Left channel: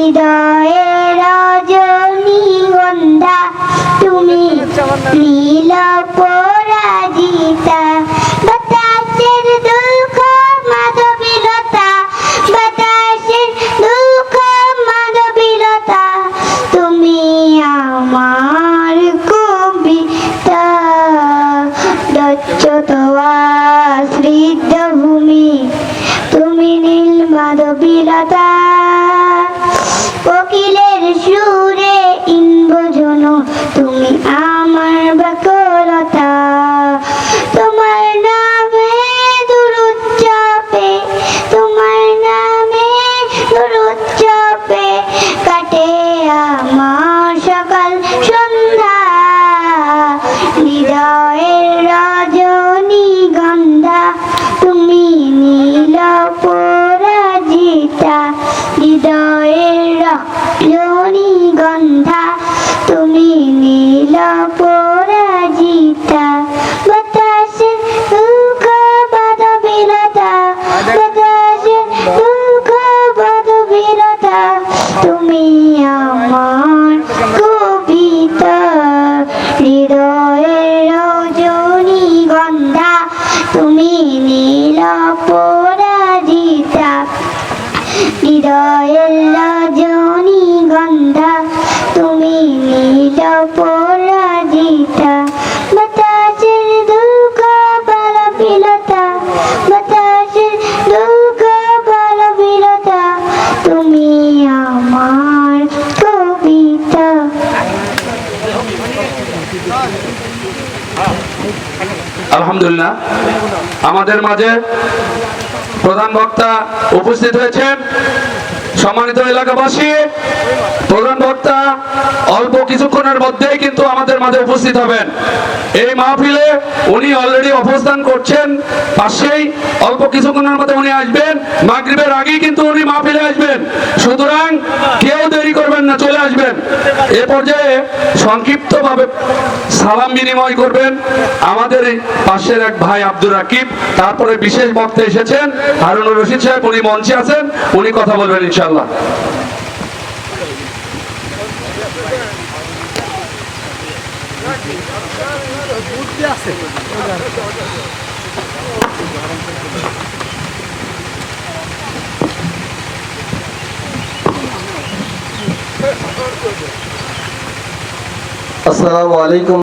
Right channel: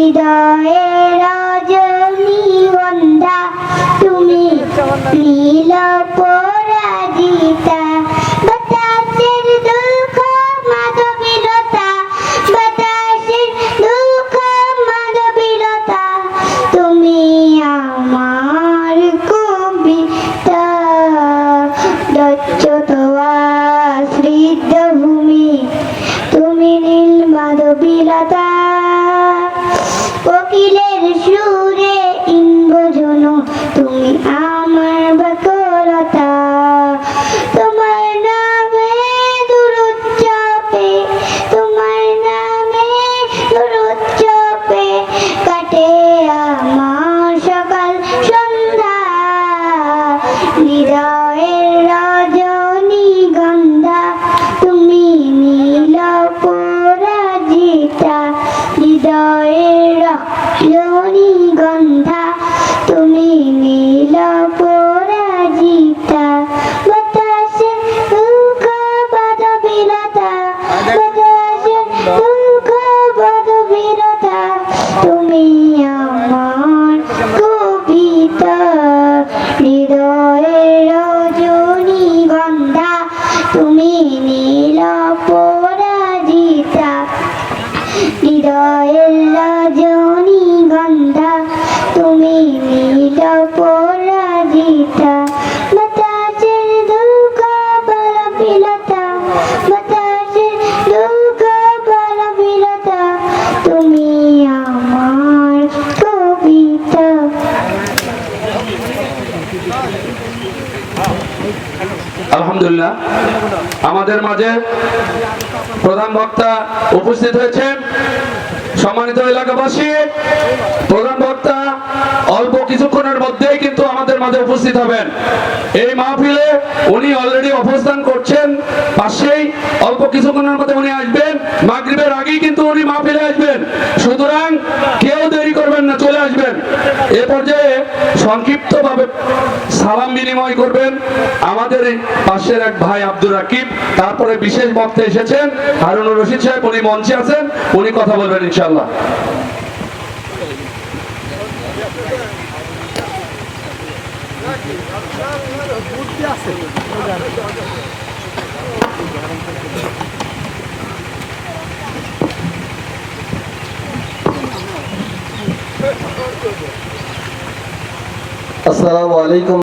হৃদয়ের রজনীগন্ধা তুমি নীল পরাজিতা বাতাসের দুঃখ মাধবীলতা বাতাসের দুঃখ মাধবীলতা তুমি আমার কবিতা দক্ষতা স্মৃতভূমি তুমি নীল মাধবীলতা কোকিলের সুরে ইন্দ্রজন তুমি আমার বাকলতা তোমার নামে দুরূদ জপে তোমার নামে দুরূদ জপে কাটে আমার সকাল সন্ধ্যা হৃদয়ের রজনীগন্ধা তুমি নীল পরাজিতা হৃদয়ের রজনীগন্ধা তুমি নীল পরাজিতা বাতাসে দুঃখ মাধবীলতা বাতাসে দুঃখ মাধবীলতা তুমি আমার কবিতা হৃদয়ের রজনীগন্ধা তুমি নীল পরাজিতা হৃদয়ের রজনীগন্ধা তুমি নীল পরাজিতা বাতাসের দুঃখ মাধবীলতা বাতাসের দুঃখ মাধবীলতা তুমি আমার কবিতা। আলহামদুলিল্লাহ, আমাদের মাঝে প্রধান বক্তা উপস্থিত হয়েছেন। সম্মানিত এলাকাবাসী, প্রধান বক্তা অল্প কিছুক্ষণের মধ্যেই কিন্তু আমাদের মাঝে উপস্থিত হবেন। এই মাহফিলে উনি অলরেডি অবস্থান করছেন পাশেই, অল্প কিছুক্ষণের মধ্যে উনি আসবেন। মাগরিবের আগেই কিন্তু উনি মাহফিলে আসবেন, সুতরাং কেউ দেরি করবেন না, চলে আসবেন। এ পর্যায়ে সংক্ষিপ্তভাবে সালাম বিনিময় করবেন আমাদের পাশের এক ভাই আব্দুর রাকিব, তারপরে বিশেষ বক্তা এসেছেন হারুনুর রশিদ সাহেব, উনি মঞ্চে আছেন, উনি কথা বলবেন ইনশাআল্লাহ। আসসালামু আলাইকুম।